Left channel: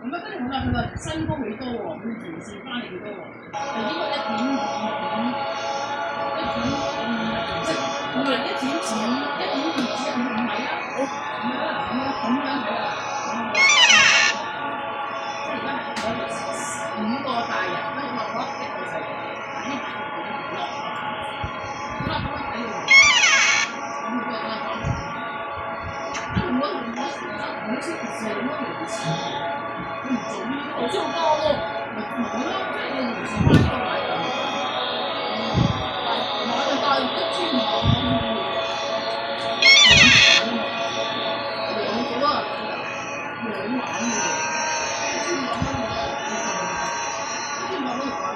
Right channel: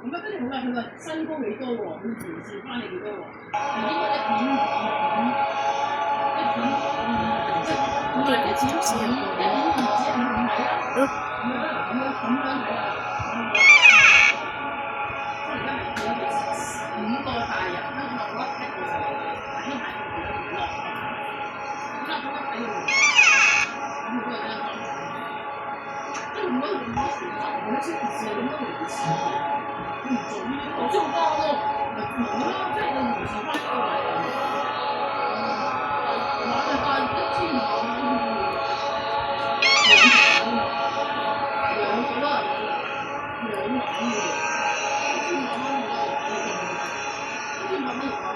咁啊，跟住好啦，佢話身高幾多喎？佢前線翻嚟幾多喎？係應該1.5，1.5，即係唔係1.5，1.5只1.5米啦。咁樣睇啊，即係而家係有5個大人都落咗一個細路，睇下佢哋落。咁啊，睇完，咁佢都係咁講。即係如果時就好似4咁樣維持，佢唔做呢啲，我知好多咯，咪冇咯，即係你維持翻呢個位。但係1,500兩幾多人㗎？2萬㗎喎，1,500蚊1,500蚊話嗱，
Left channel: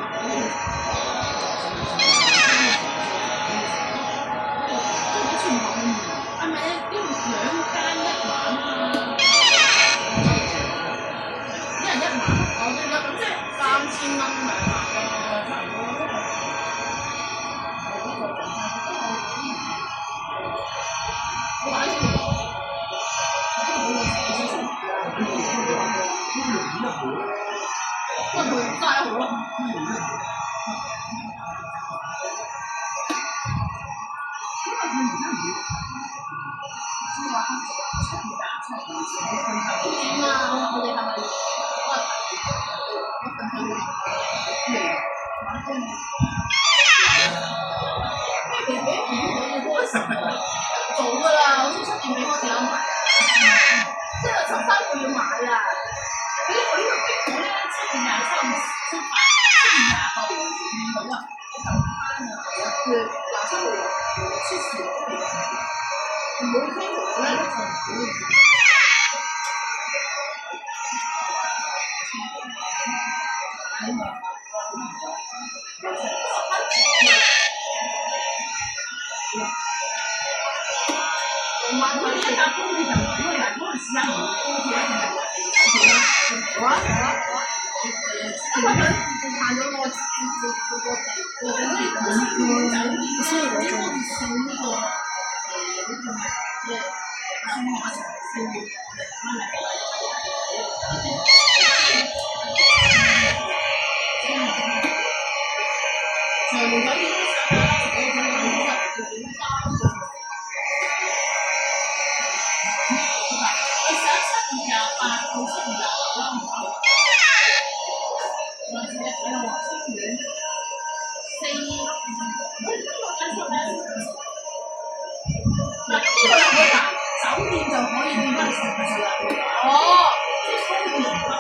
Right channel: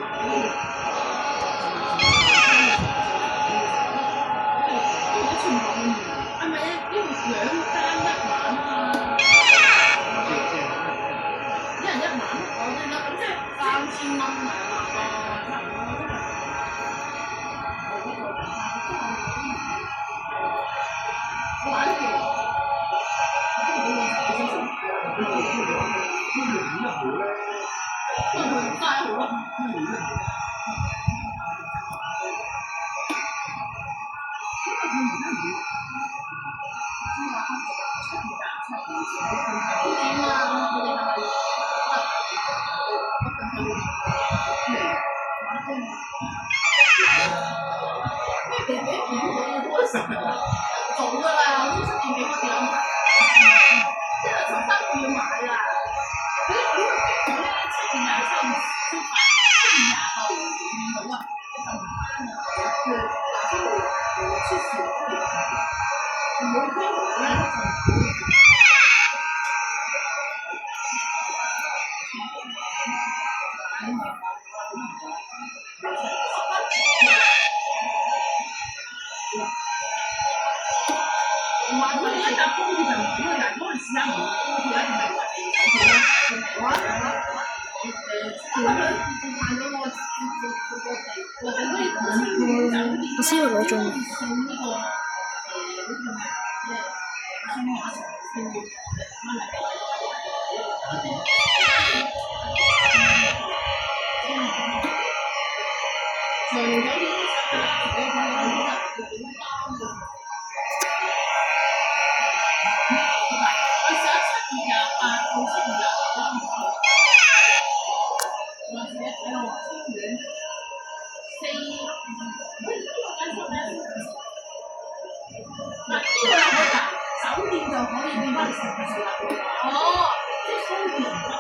係咪呢度2間1晚啊？一人1晚，我哋咁即係3000蚊2晚咯，差唔多。我玩先，不過佢齋好咯。早㗎啦，我先7點幾開始安排，即係13個要買啦。佢呢個逼我咧7月23日出發，7月28號見到啊，佢27號出事，唔會飛回咧就。我哋一搭高鐵就唔會人嗰陣時候高鐵一定係好啊，行咗我先我中。酒店就可以變翻城市啦。哦，即係高鐵，高鐵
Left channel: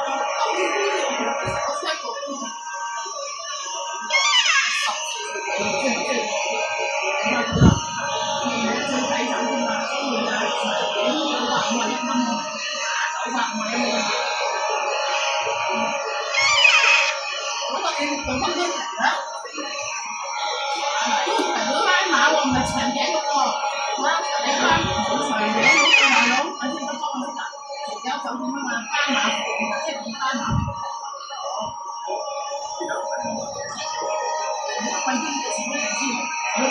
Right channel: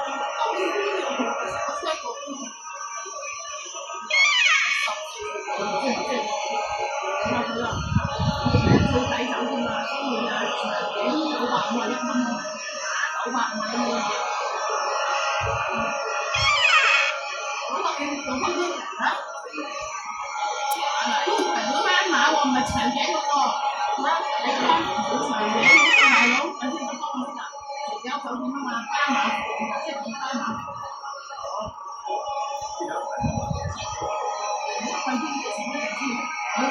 我 check 過高鐵最抵酒店啦，所以啊，900蚊900米咁啊，你做翻張圖啦。都唔係嗰拉馬喎，唔係長頸嗰個。你拉長頸嗰個大佬，我先得裝我先得。有酒店啊嘛，拉馬即係點拉馬？瞓邊幾錢都唔知，我都